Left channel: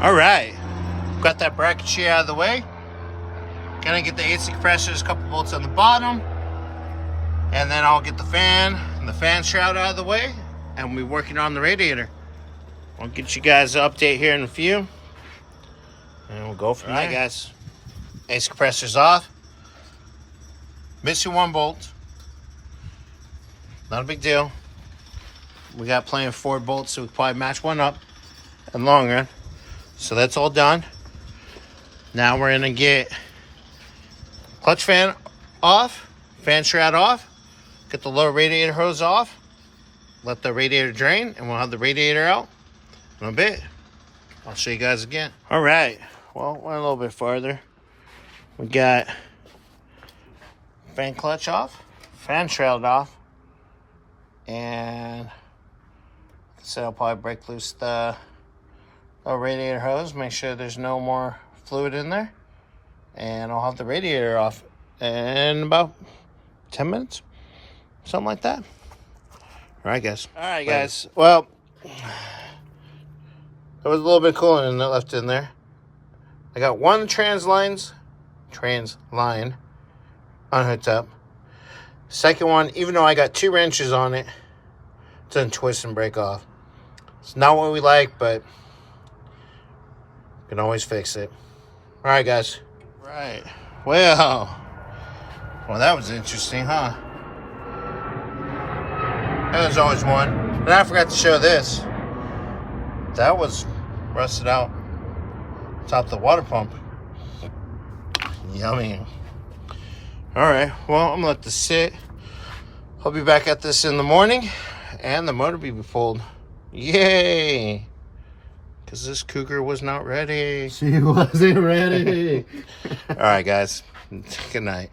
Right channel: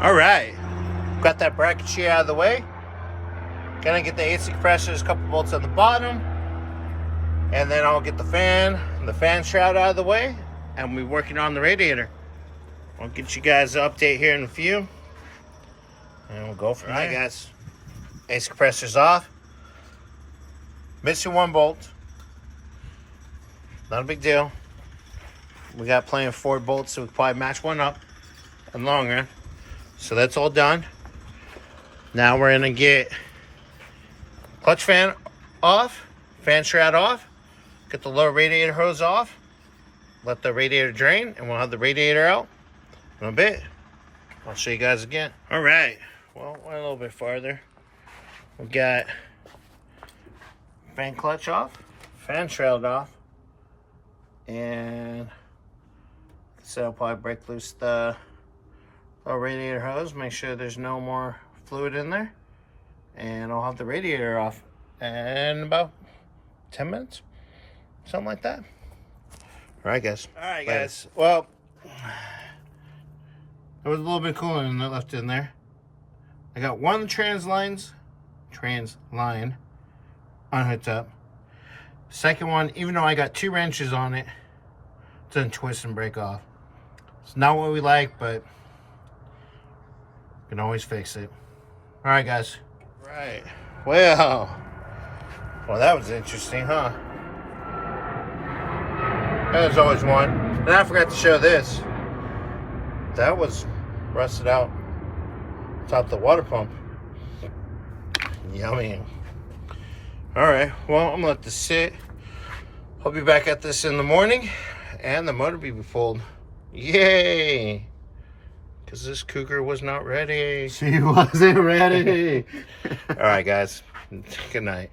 All right, got that bracket sheet out of the way. Gonna get the AC compressors, a couple bolts on the bottom, and then I'll get the fan and the fan shroud out of the way, and we'll be working on the radiator. I'll get you guys an update here in a few, and we'll go from there. All right, guys, AC compressor's off. Missing one bolt. Not a big deal. We got plenty of forward bolts, so we can probably match one up in the long run. So that's all done. Now we're gonna get clutch fan off, fan shroud off, get the lower radiator hose off, let the radiator drain, and we'll have the radiator out in a bit. I'll show you guys again. All right, well, went a little bit farther. We got fan clutch off, fan shroud off, and so I'll probably break loose the radiator hose, make sure there's no more fluid in there, and I'll have the radiator off in about 10 minutes, something like that. All right, guys. All right, guys. Well, there was a little bit coolant in there left in there. I got one trans line unhooked up. Second one, even though I got 2 wrenches on it, it doesn't twist and break off. It's not what we like, but can always fix it. All right, guys. Right. Well, that was interesting, huh? And there's always one. And I forgot to show this. That was rusted out top of the water pump. Yummy. All right. Well, I'm gonna let this sit. I'll be back at this in the morning, and the motor will be pulled. Yay! Because this Cougar was not ready. She wasn't ready. All right, guys. Good night.